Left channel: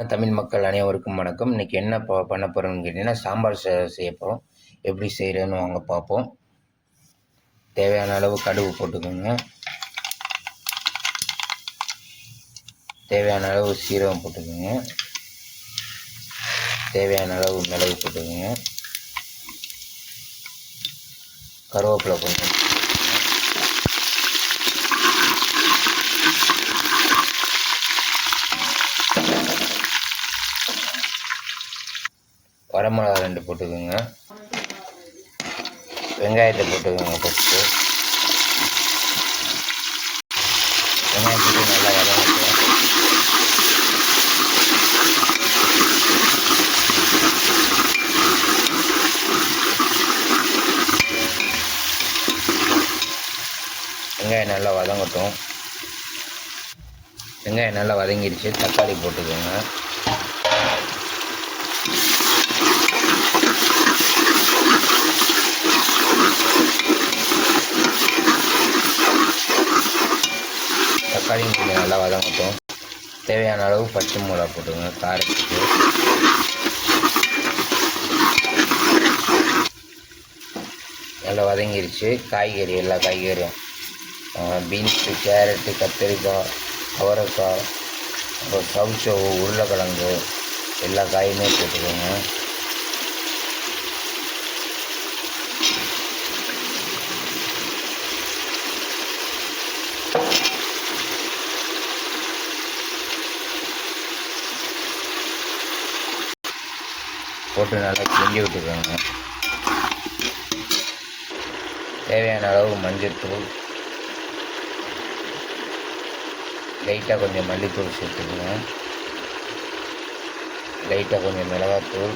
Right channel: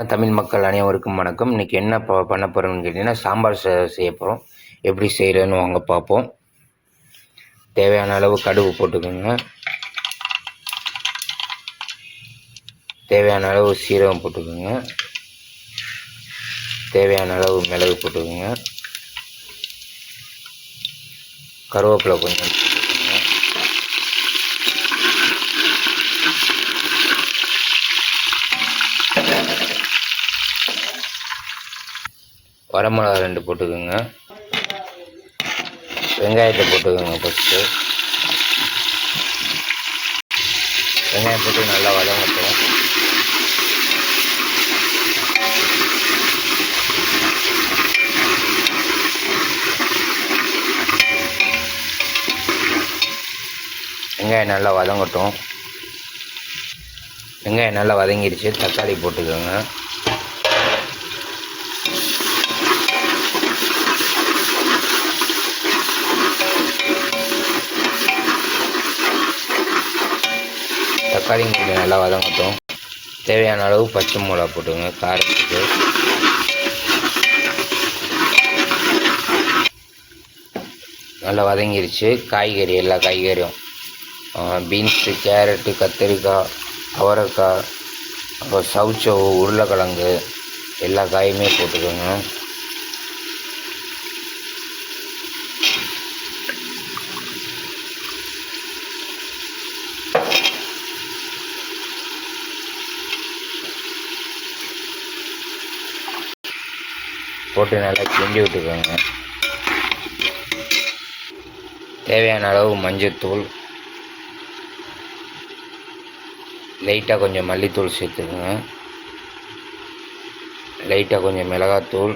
தமிழ் மக்கள் அனைவருக்கும் வணக்கம். இன்றைக்கி என்ன பண்ண போகிறோம்னு கேட்டிங்கன்னா, சாம்பார் செய்ய போகிறோம். எப்படி செய்கிறேன்னு வாங்க பார்ப்போம். தேவையான அளவு கடுகு போட்டுக்கோங்க. தேவையான அளவு சீரகம் போட்டுக்கோங்க. தேவையான அளவு மிளகு போட்டுக்கோங்க. கருவேப்பிலை கொஞ்சம், வரமிளகா 2 போட்டுக்கோங்க. வெங்காயத்தை போட்டுக்கோங்க. ஃபஸ்ட்டு வெங்காயம் போட்டு நல்லா வதங்கட்டும். வெங்காயம் நல்லா வதங்கட்டும். வெங்காயம் நல்லா வதங்கிடுச்சு. தக்காளி போட்டுக்கோங்க. தக்காளி கொஞ்சம் நல்லா வதங்கட்டும். தேவையான அளவு பச்சை மிளகா போட்டுங்க காரத்துக்கு. நல்லா வதங்கிடுச்சு. காய்கறி எல்லா காய்கறியும் பீன்ஸு, கேரட்டு, கத்திரிக்காய், அவரைக்காய், அப்புறம் சவுச்சவு, உருளைக்கிழங்கு எல்லா காயுமே போட்டுக்கோங்க. போட்டு நல்லா கிண்டி விட்டுக்கோங்க. தேவையான அளவு மஞ்சள்தூள், லைட்டாக கொஞ்சம் மல்லித்தூள் சேர்த்துக்கோங்க. லைட்டாக கொஞ்சம் மிளகாத்தூள்,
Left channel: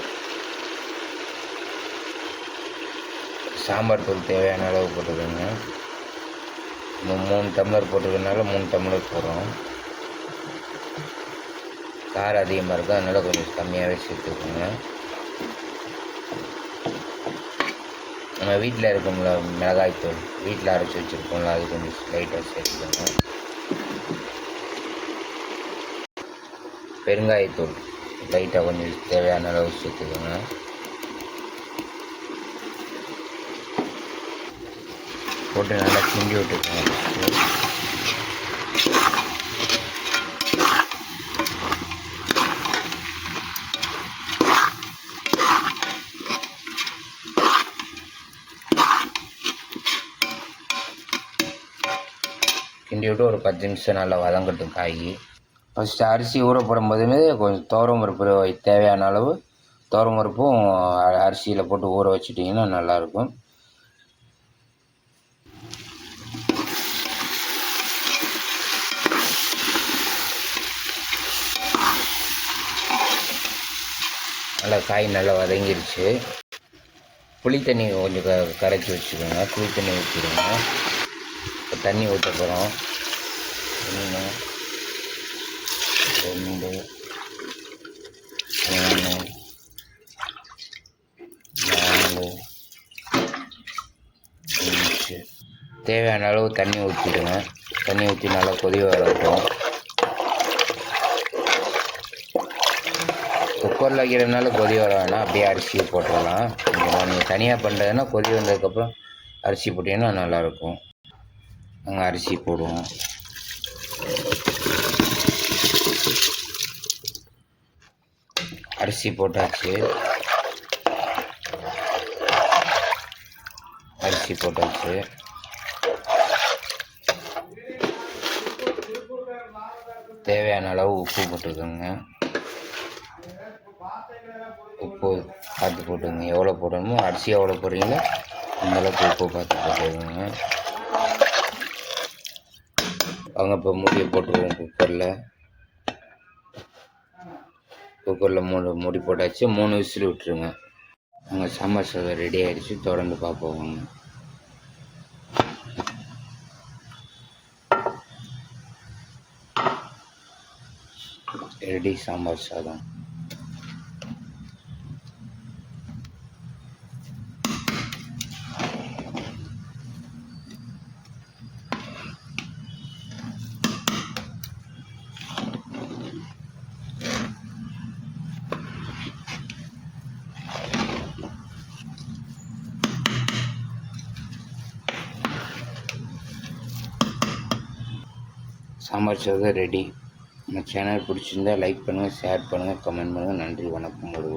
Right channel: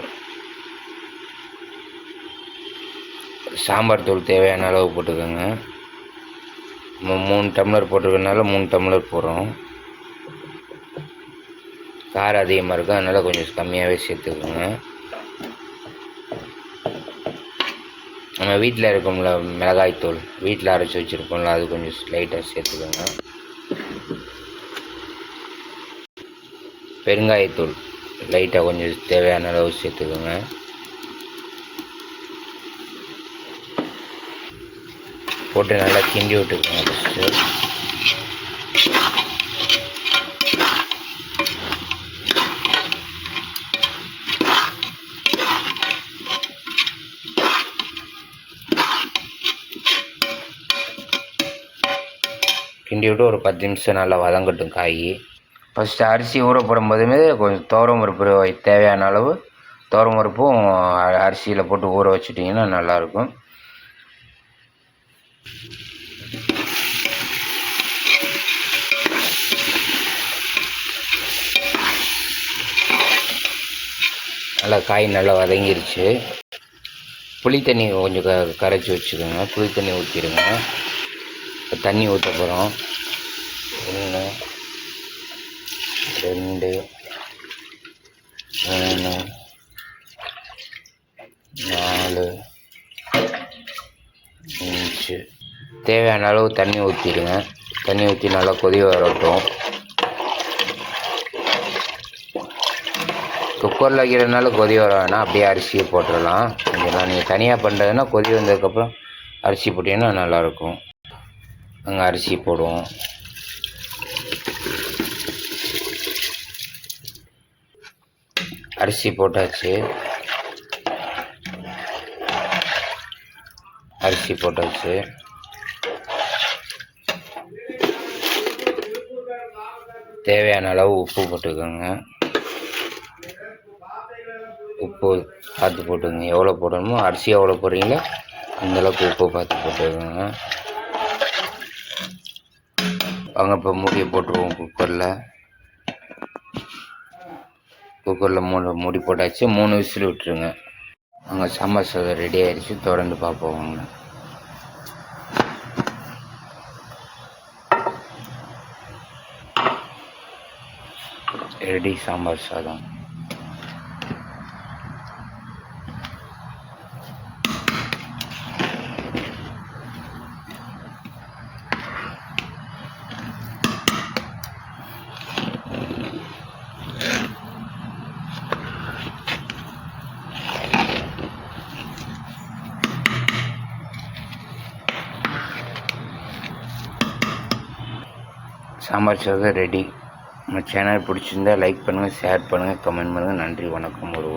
சாம்பார் தூள் தேவையான அளவு போட்டுக்கோங்க. 3 டம்ளர் போட்டுக்கிறதுனால 3 டம்ளர் போடுறோம். காரம் அதிகமாக இருக்கும், அதனால் கொஞ்சம் கம்மியாகவே சேர்த்துக்கோங்க. நம்ம வீட்டில் இருக்கோம்ல மிளகாய்த்தூள், வீட்டில் அரைச்சி வச்சுருக்கோம்ல, அது கொஞ்சம் லைட்டாக சேர்த்துக்கோங்க. பெருங்காயத்தூள் லைட்டாக கொஞ்சம் தேவையான அளவு சேர்த்துக்கோங்க. போட்டு நல்லா கிண்டி விட்டுக்கோங்க. ஃபஸ்ட்டு கிண்டி விட்டு ஒரு 10 நிமிஷம் நல்லா வதங்கட்டும் காய். ஃபஸ்ட்டு அரிசி ஊற போடும்போதுமே கொஞ்சம் துவரம் பருப்பு தேவையான அளவு துவரம் பருப்பும் அரிசியில் போட்டு ஊற வச்சுட்டிங்கன்னா நல்லாயிருக்கும். நல்லா காய் நல்லா வதங்கிருச்சு. புளி தண்ணி கொஞ்சம் கரைச்சி வச்சுக்கோங்க. புளி தண்ணி ஊற்றிடுங்க. தண்ணி ஊற்ற போகிறோம். 1 2 3 4 5 தேவையான அளவு தண்ணி ஊற்றிடுங்க. தண்ணி ஊற்றி நல்லா கொதி வரட்டும். குக்கரில் வைக்கிறதுனால கொதி வர வேணாம், அப்படியே அரிசியை போட்டுடலாம். கொஞ்சம் நீங்கள் தனியாக பண்ணுறதுன்னா கொதி வந்ததுக்கப்புறம் அரிசி போட்டிங்கன்னா நல்லாயிருக்கும். அங்கே அரிசி போடுவோம். அரிசி போட்டாச்சு. அரிசி போட்டாச்சு. தேவையான அளவு உப்பு போட்டுக்கோங்க. உப்பு பார்த்து போட்டுக்கோங்க. எவ்வளோ போடணுமோ, அரிசி எவ்வளோ போடுறீங்களோ அந்தளவுக்கு உப்பு பார்த்து போட்டுக்கோங்க. வாங்க இப்போ மூடியை போட்டுருவோம். குக்கரில் மூடி போட்டாச்சு. 3 விசில் விட்டுருங்க. அங்கே சாம்பார் சாதம் ரெடி ஆகிடுச்சு. தொடர்ந்து பார்ப்போம் வாங்க. ரெடி சாம்பார் சாதம். சாம்பார் சாதம் ரெடி. நம்ம சேனல் பிடிச்சிருந்தா லைக் பண்ணுங்கள், ஷேர் பண்ணுங்கள், கமெண்ட் பண்ணுங்கள். நன்றி, வணக்கம். ஒரு